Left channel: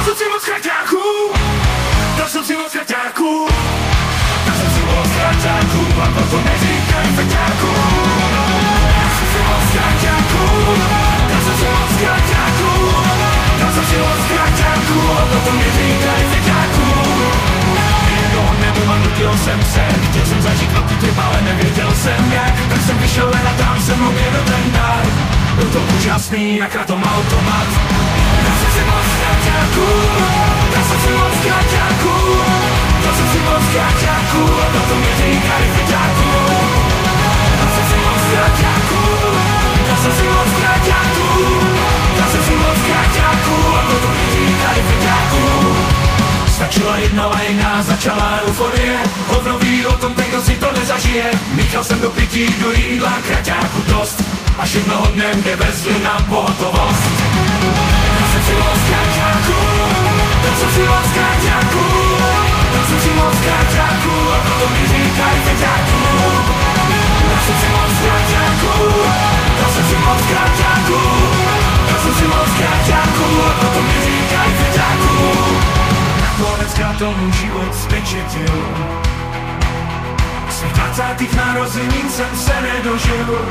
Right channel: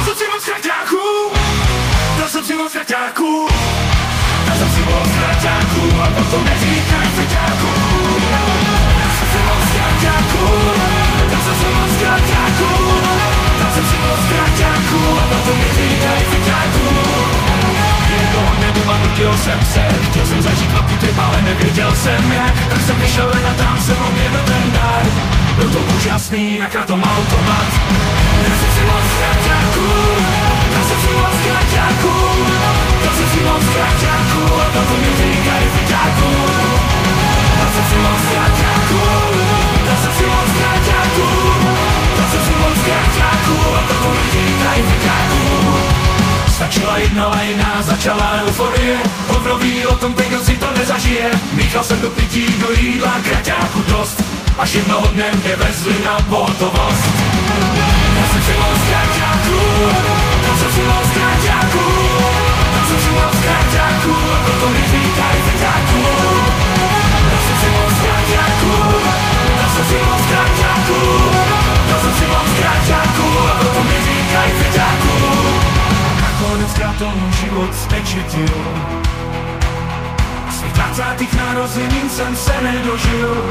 Dal jsem si moc kraťáků, dal jsem si moc kraťáků, dal jsem si moc kraťáků a potom neříkaj feťáků. Dal jsem si moc kraťáků, dal jsem si moc kraťáků, dal jsem si moc kraťáků a potom neříkaj feťáků. Jednoho dne a nutil jsem se, chtěl jsem zažít velký trip, ale nevěděl jsem jak. Tak jsem vyšel ven a tam jsem objevil ten dar. Byl to úžasný, jak na tom automat. Dal jsem si moc kraťáků, dal jsem si moc kraťáků, dal jsem si moc kraťáků a toto mi říkaj fyťáků. Dal jsem si moc kraťáků, dal jsem si moc kraťáků, dal jsem si moc kraťáků a toto mi říkaj fyťáků. Stačila jedna lajna, začala euforie. Hovno ví o tom, kdo si to nezažije. Míchal jsem do pití, do jídla, kraťáku dost. Až jednoho dne mě vezli na pohotovost. Dal jsem si moc kraťáků, dal jsem si moc kraťáků, dal jsem si moc kraťáků a toto mi říkaj feťáků. Dal jsem si moc kraťáků, dal jsem si moc kraťáků, dal jsem si moc kraťáků a toto mi říkaj feťáků. Nakoneckrát to můj život zpečetil. Svých 20. narozenin jsem se nedožil.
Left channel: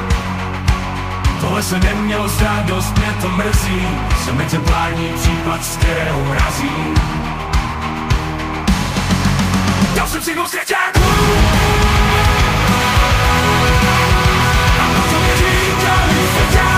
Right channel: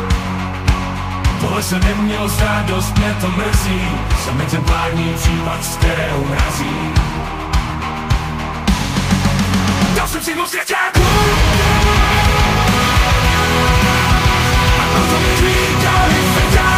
Tohle se nemělo stát, dost mě to mrzí. Jsem exemplární případ, z kterého mrazí. Dal jsem si moc kraťáků a proto mi říkali feťáků.